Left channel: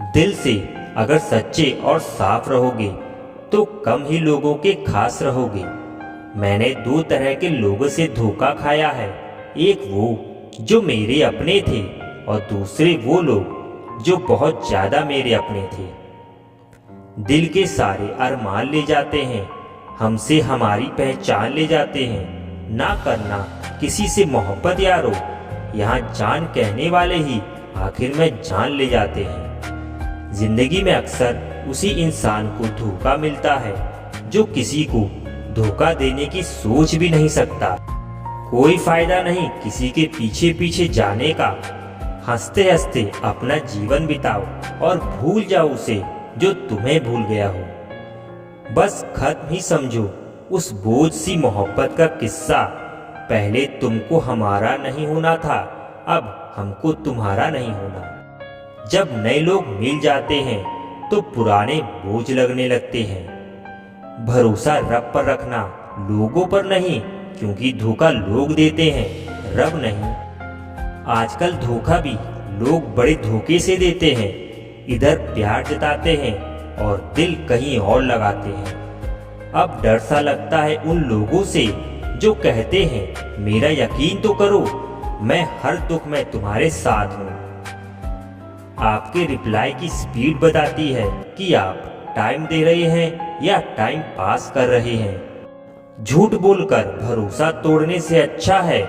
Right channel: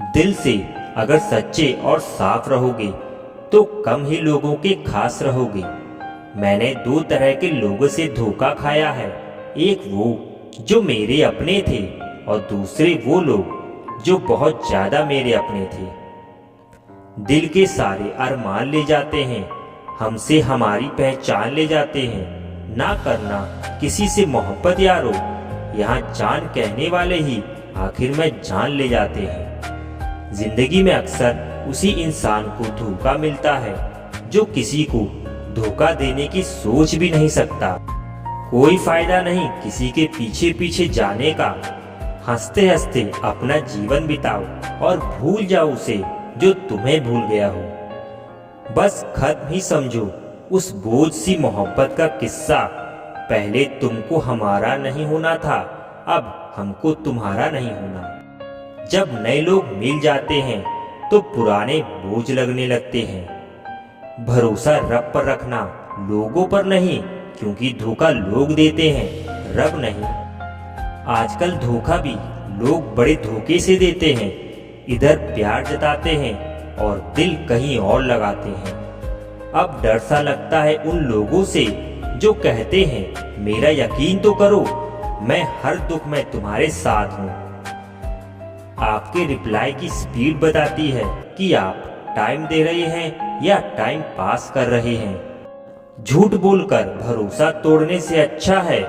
दिल से अगर सच्चे और साफ रहोगे तो कम ही लोगों के खास रहोगे। मैंने दो तरह के लोगों से धोखा खाया है, एक वो जो मेरे अपने थे और दूसरे वो लोग जो बहुत ज़्यादा मेरे अपने थे। दिल के सारे अरमान ले जाते हैं, हमसे हमारी पहचान ले जाते हैं। ना करना किसी से मोहब्बत यारो, यहाँ जान कहने वाले ही आखिर में जान ले जाते हैं। जिंदगी में अक्सर उसी इंसान को धोखा मिलता है जो किसी को धोखा देने की सोच भी नहीं सकता। कोई फायदा नहीं किसी के पीछे पीछे जाने का। हंसते हंसते अपना जीवन बिताओ और भूल जाओ उसे जो तुम्हें भूल गया हो। बस खत्म ही समझो उस बोझ सी मोहब्बत का किस्सा। पहले तुमको हमारा नहीं होना था, अब हमको तुम्हारा नहीं होना। जब नए लोग मिल जाते हैं तो पुराने बोझ लगने लगते हैं। भरोसा रब पर रखना, लोगों पर नहीं, क्योंकि धोखा लोग देते हैं, रब नहीं। आजकल धोखा भी लोग बड़े धोखे से देते हैं। इधर प्यार जताते हैं और दिल कहीं और लगाते हैं। अब डर सा लगता है उन लोगों से जो कहते हैं मेरा यकीन तो करो, मैं हर दुख में तुम्हारे साथ हूँ। आपके रिप्लाई की स्पीड बताती है कि आप टाइम दे रहे हैं या टाइम पास कर रहे हैं। झूठ बोलकर भरोसा तोड़ने से अच्छा है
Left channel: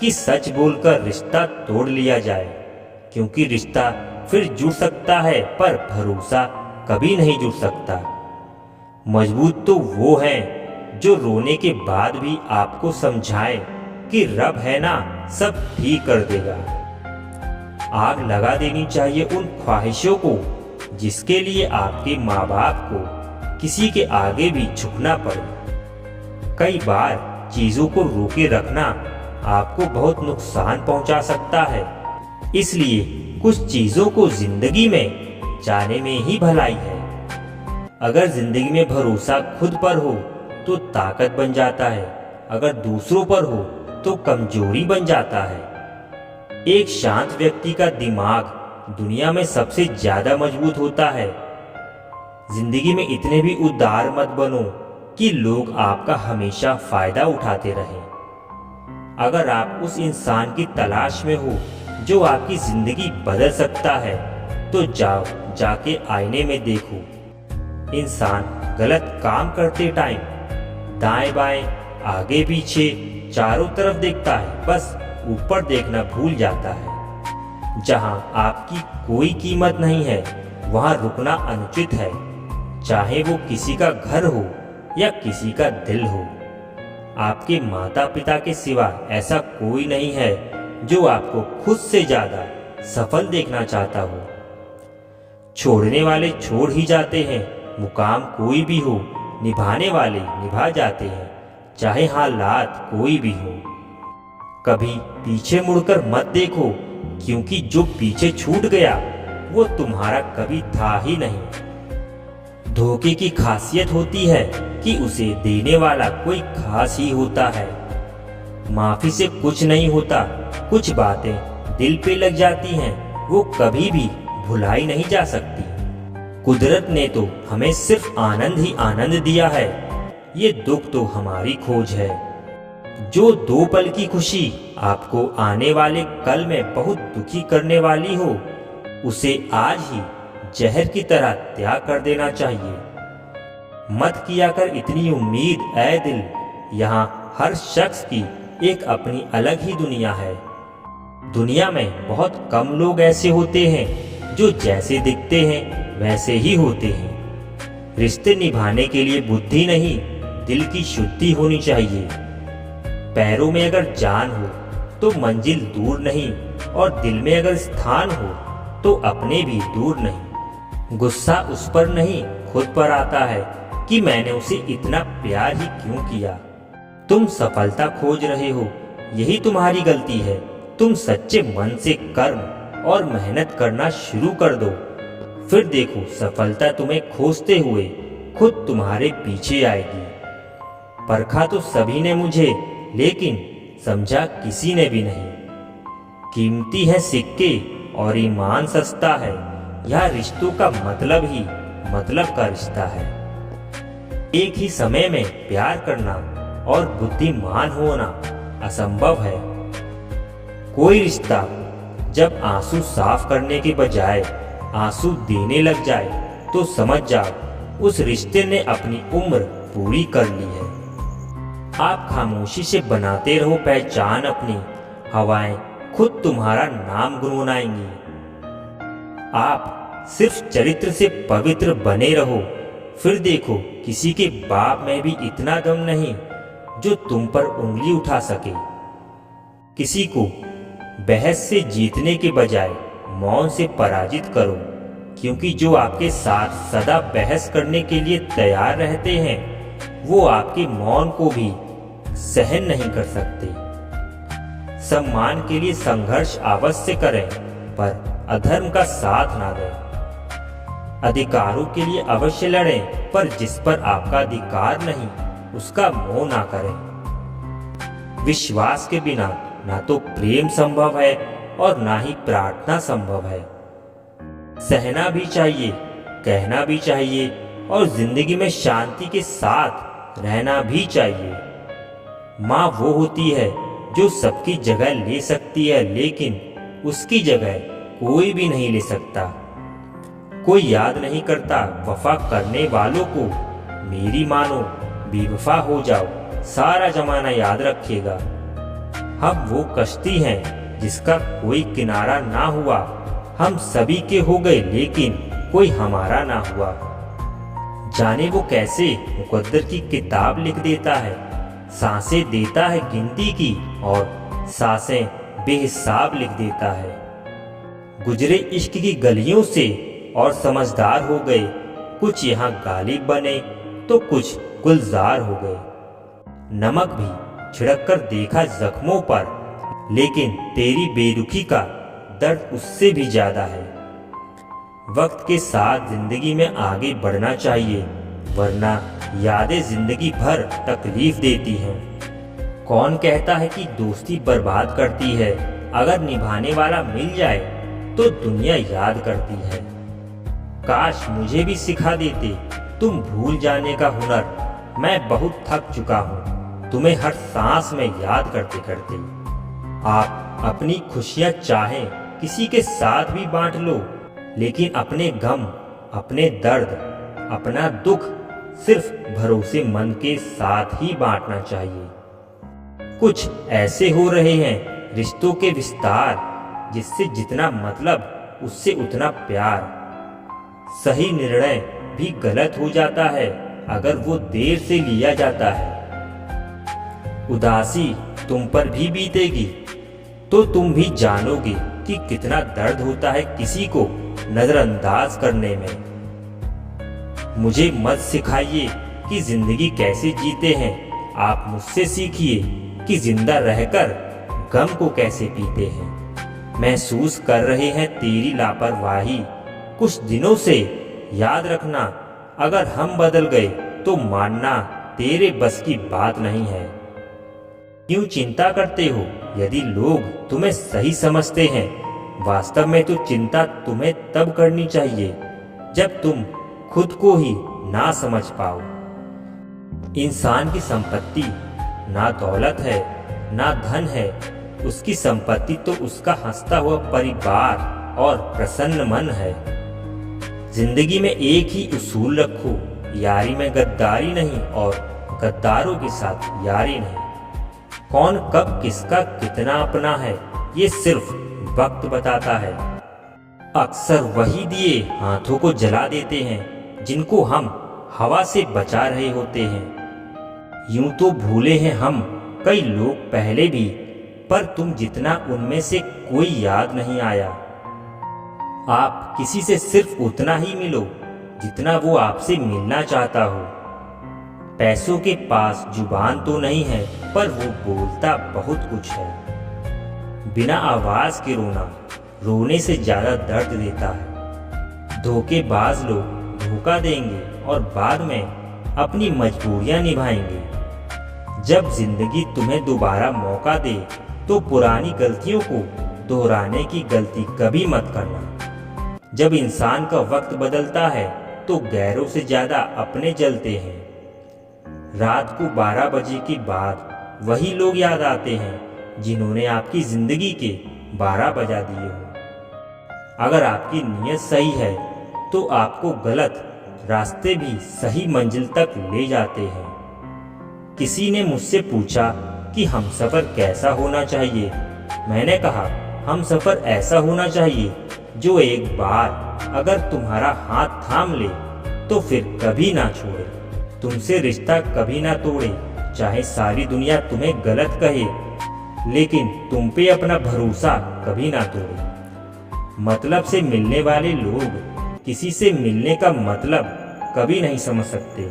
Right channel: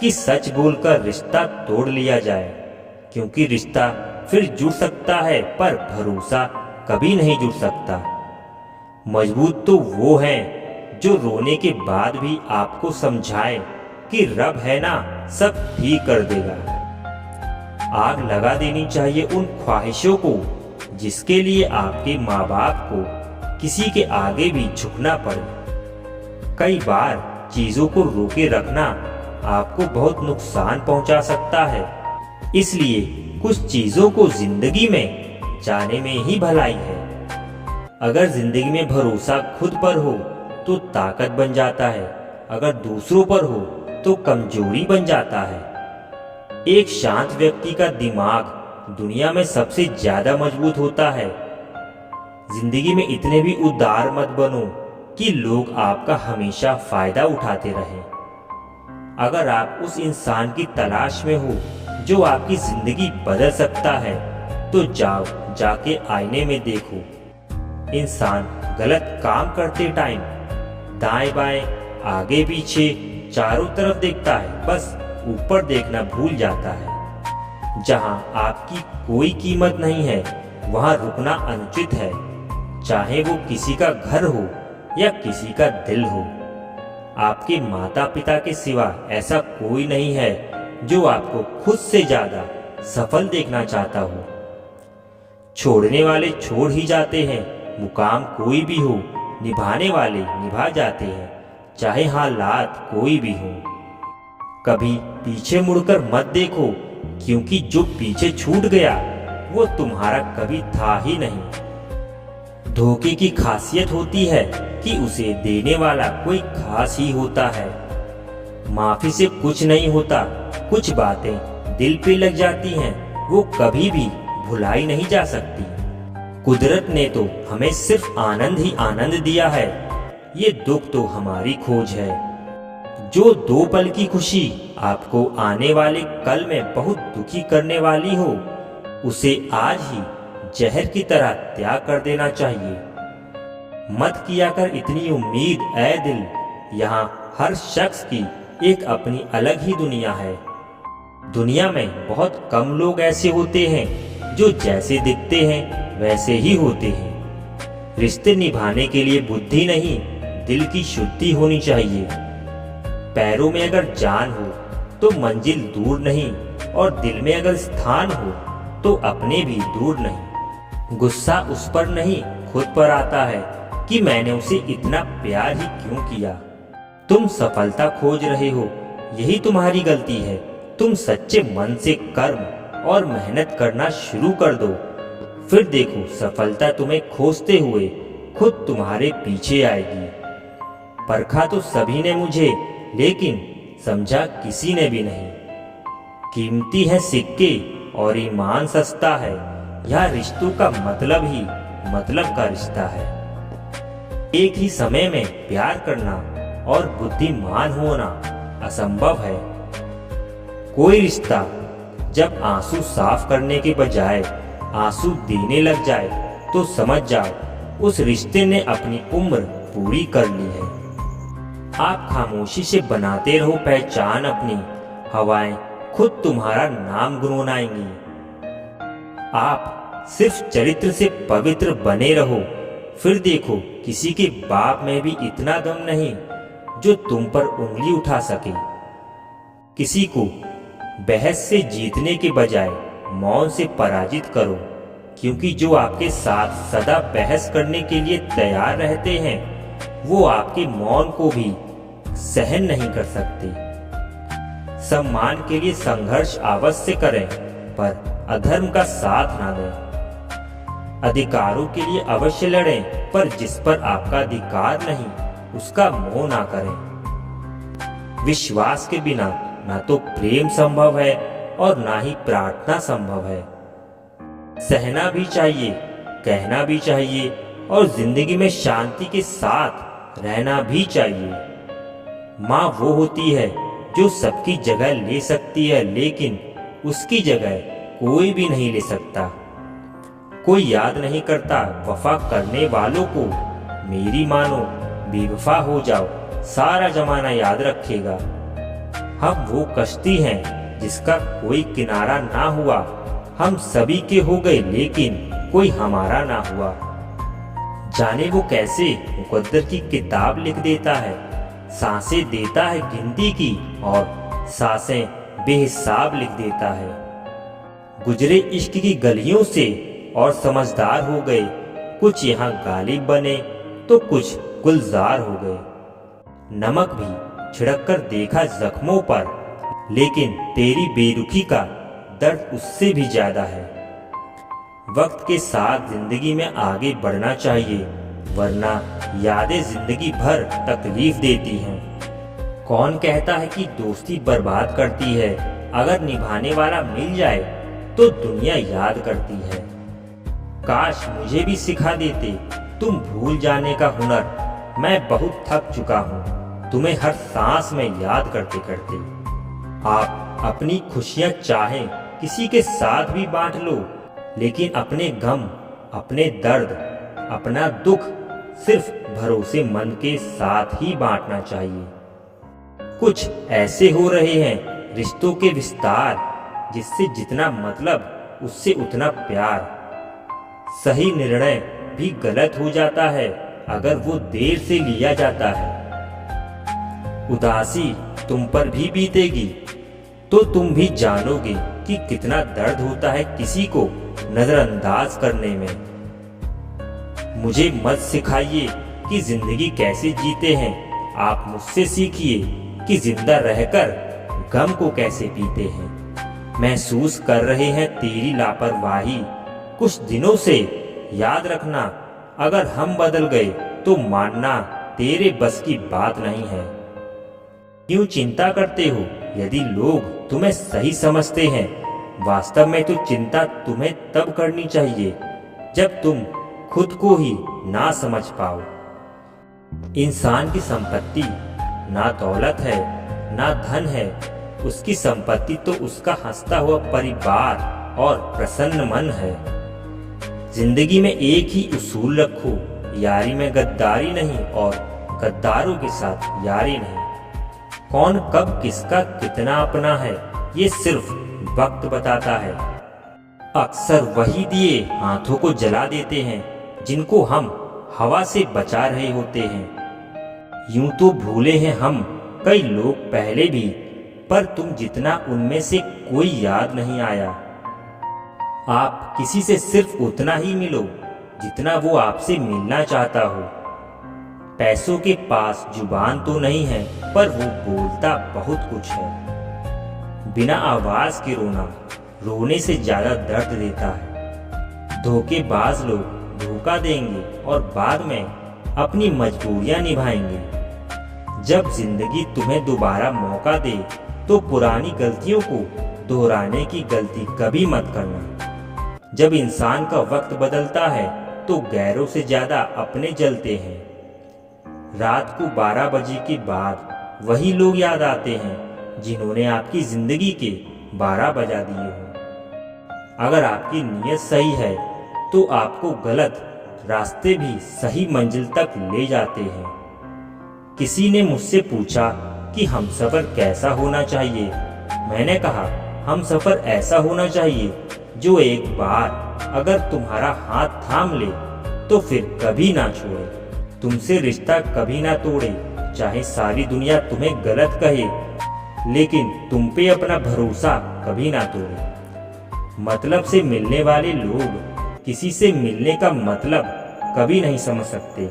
कि सच बोलकर रिश्ता तोड़ लिया जाए, क्योंकि रिश्ता फिर जुड़ सकता है पर भरोसा कभी नहीं जुड़ सकता। मजबूत तो वो हैं जो रोने के बाद भी आपको समझाएं कि रब है ना, सब ठीक कर देगा। आग लगा देनी चाहिए उन ख्वाहिशों को जिसके लिए आपके माँ बाप को किसी के आगे भी झुकना पड़े। कई बार चीज़ों को रोके रखना आपको बहुत नुकसान पहुंचा सकता है, इसलिए कुछ चीज़ों को जिंदगी में जाने में ही भलाई है। अगर जिंदगी में भरोसा खुद पर हो तो ताकत बन जाता है, अगर दूसरों पर हो तो कमजोरी बन जाता है। एक शांत व्यक्ति का दिमाग दुनिया में सबसे ज्यादा मजबूत होता है। जिंदगी में इतने भी उदार मत बनो कि लोग आपका हमेशा फायदा उठाते रहें। अगर आप उस इंसान की तलाश में हो जो आपकी जिंदगी बदल सकता है तो जाओ जाके आईने में देखो। इंसान गलत काम करते टाइम दाएं बाएं आगे पीछे चारों तरफ देखता है, बस ऊपर देखना भूल जाता है। जहां आपकी कोई कीमत नहीं है वहां रुकना अनुचित है, चाहे वो किसी का घर हो या किसी का दिल हो। आपके माता पिता के सिवा ऐसा कोई नहीं है जो आपको खुद से ज्यादा सफल देखना चाहता हो। छोड़ने वाले छोड़ ही जाते हैं, मुकाम कोई भी हो, निभाने वाले निभा जाते हैं, चाहे हालात कोई भी हो। कभी पीछे मुड़कर मत देखो, क्योंकि जो पीछे छूट गया वो तुम्हारा कभी था ही नहीं। धोखे की खासियत होती है कि उसे देने वाला कोई खास ही होता है। माफी से कुछ नहीं होता, कुछ बातें दिल पे लग जाती हैं, वो कभी भी भुलाई नहीं जा सकती। कुदरत ने तो हमें सिर्फ आनंद ही आनंद दिया है, ये दुख तो हमारी खोज है। जो दो पल की खुशी आपको आने वाले कल में बहुत दुखी करने वाली हो, उसे आज ही जहर की तरह त्याग कर देना चाहिए। मत किया कर इतनी उम्मीद ऐ दिल, यहाँ हर शख्स की एक अपनी अलग ही दुनिया है। दुनिया में बहुत कम लोग ऐसे होते हैं जो जैसे दिखते हैं वैसे ही होते हैं। रिश्ते निभाने के लिए बुद्धि नहीं, दिल की शुद्धि होनी चाहिए। पैरों में अगर जान हो तो मंजिल दूर नहीं, और दिल में अगर स्थान हो तो अपने भी दूर नहीं। गुस्सा उस पर नहीं खुद पर आता है कि मैंने उसे इतना प्यार ही क्यों किया। तुम सफलता खोज रहे हो, यही तुम्हारी गलती है। तुम सच्चे मन से कर्म और मेहनत करना शुरू कर दो, फिर देखो सफलता तुम्हें खोजते हुए खुद तुम्हारे पीछे आएगी। परखा तो सभी ने मुझे, लेकिन समझा किसी ने भी नहीं। कीमती है सिक्के और ईमान सस्ता है, यह रिश्तों का मतलब ही मतलब का रिश्ता है। एक ही समय में प्यार करना और बुद्धिमान होना असंभव है। कोई रिश्ता जब आंसू साफ करने के बजाय आंसू देने लग जाए तो समझ जाओ उस रिश्ते ने अपनी उम्र पूरी कर ली है। आप खामोशी से बनाते रहो पहचान अपनी, हवाएं खुद तुम्हारा नाम गुनगुनाएंगी। आप सिर्फ चरित्र से पवित्र बने रहो, फिर देखो किसी के बाप में भी इतना दम नहीं जो तुम पर उंगली उठा सके। किसी को बहस से जीतने के बजाय मौन से पराजित करो, क्योंकि जो आपके साथ सदा बहस करने के लिए तैयार रहते हैं वो आपके मौन को भी सहन नहीं कर सकते। सम्मान के लिए संघर्ष अवश्य करें, पर अधर्म का साथ ना दें। अधिकारों के लिए अवश्य लड़ें, पर जिस पर आपका अधिकार नहीं उसका मोह ना करें। विश्वास के बिना ना तो प्रेम संभव है और ना ही प्रार्थना संभव है। सहना भी चाहिए, कहना भी चाहिए और जिंदगी में शांति के साथ रहना भी चाहिए। माँ वो होती है जो सबकी जगह ले सकती है, लेकिन उसकी जगह कोई भी नहीं ले सकता। कोई याद नहीं करता वफा करने वालों को, मेरी मानो बेवफा हो जाओ सारा जमाना याद रखेगा। हम वो कश्ती हैं जिसका कोई किनारा ना हुआ, हम सभी के हो गए लेकिन कोई हमारा ना हुआ। जाने वो कैसे मुकद्दर की किताब लिख देता है, सांसें देता है गिनती की और सांसें बेहिसाब लिख देता है। गुजरे इश्क की गलियों से और समझदार हो गए, कुछ यहाँ गालिब बने तो कुछ गुलजार हो गए। नमक भी छिड़क कर देखा जख्मों पर, लेकिन तेरी बेरुखी का दर्द उससे भी ज्यादा है। वक्त के साथ जिंदगी में आगे बढ़ना चाहिए, वरना यादें जिंदगी भर तकलीफ देती हैं। कौन कहता है कि दोस्ती बर्बाद करती है? अगर निभाने वाला मिल जाए तो दुनिया याद करती है। काश मुझे भी सिखा देते तुम भूल जाने का हुनर। मैं बहुत थक चुका हूँ तुम्हें हर सांस में याद करते करते। आप अपनी खुशियाँ चाहें किसी के साथ भी बांट लो, लेकिन अपने गम, अपने दर्द, अपना दुख सिर्फ भरोसेमंद के साथ ही बांटना चाहिए। कुछ ऐसे हो रहे हैं रिश्तों के विस्तार, जिससे जितना मतलब उससे उतना प्यार। सही निर्णय भी गलत हो जाता है अगर वो देर से लिया जाता है। उदासी तुम पर भी बीतेगी तो तुम भी जानोगे कि कितना दर्द होता है किसी को नजरअंदाज करने में। मुझे मत सिखाइए कि जिंदगी कैसे जीते हैं, आप मुझसे सीखिए कि जिंदा रहकर गम को कैसे पीते हैं। महसूस कर रहे हैं तेरी लापरवाही कुछ दिनों से, याद रखना अगर हम बदल गए तो मानना तेरे बस की बात नहीं है। क्यों चिंता करते हो यदि लोग तुम्हें सही समझते हैं? वास्तव में तो चिंता तुम्हें तब करनी चाहिए जब तुम खुद को ही ना समझ पाओ। इंसान की संपत्ति ना दौलत है ना धन है, उसकी संपत्ति तो उसका हंसता हुआ परिवार और प्रसन्न मन है। जिंदगी में एक ही उसूल रखो, यारी में गद्दारी नहीं और गद्दारों के साथ यारी नहीं। कौन कब किसका कितना अपना है ये सिर्फ वक्त बताता है। अक्सर वही दिए हाथों को जला देते हैं जिनको हम हवा से बचा रहे होते हैं। यूं तो भूले हैं हम कई लोग पहले भी, पर तुम जितना उनमें से कोई याद नहीं आया। आप किसी से सिर्फ उतना ही मिलो जितना वो आपसे मिलना चाहता हो। पैसों के पास जुबान तो नहीं है, पर वो बोलता बहुत कुछ है। बिना आवाज के रोना रोने से ज्यादा दर्द देता है। धोखेबाज लोग धोखा देंगे और बाद में अपनी मजबूरियां निभाएंगे। जब जिंदगी तुम्हें दोबारा मौका दे तो पुरानी गलतियों को दोहराने की गलती कभी मत करना। जब इंसान का वक्त बदलता है तो गैरों से ज़्यादा अपने जलते हैं। रात को 12 बजे के बाद वही लोग याद आते हैं जिन्होंने आपकी ज़िंदगी के 12 बजा दिए हों। अगर आपकी नीयत सही है तो आपको गलत रास्ते भी सही मंजिल तक ले जाते हैं। किसी ने मुझसे पूछा कि हमसफ़र कैसा होना चाहिए। मैंने कहा, हमसफ़र ऐसा होना चाहिए जो एक बार अगर तुम्हारा हाथ थाम ले तो फिर कभी ना छोड़े, तुमसे रिश्ता कभी ना तोड़े, चाहे सारी दुनिया तुम्हें गलत कहे, लेकिन तुम पे अपना भरोसा कभी ना तोड़े। मतलब से मिलने वाले लोग किसी से मिलने का मतलब कभी नहीं समझ सकते।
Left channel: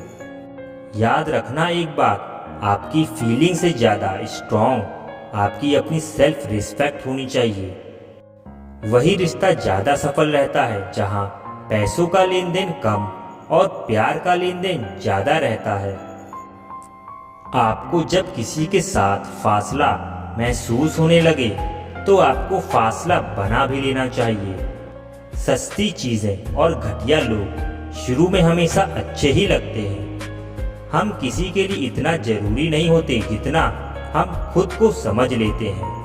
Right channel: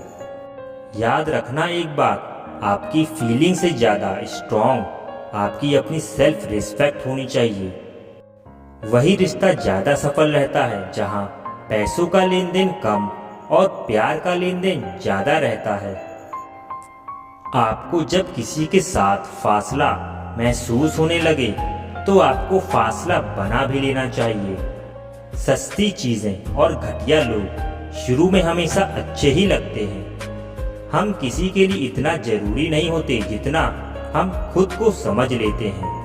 याद रखना एक बात, आपकी फीलिंग से ज़्यादा स्ट्रॉन्ग आपकी अपनी सेल्फ रिस्पेक्ट होनी चाहिए। वही रिश्ता ज़्यादा सफल रहता है जहाँ पैसों का लेन देन कम और प्यार का लेन देन ज़्यादा रहता है। आपको जब किसी के साथ फासला महसूस होने लगे तो आपको फासला बना भी लेना चाहिए। सस्ती चीज़ें और घटिया लोग शुरू में हमेशा अच्छे ही लगते हैं। हम किसी के लिए इतना ज़रूरी नहीं होते जितना हम खुद को समझ लेते हैं।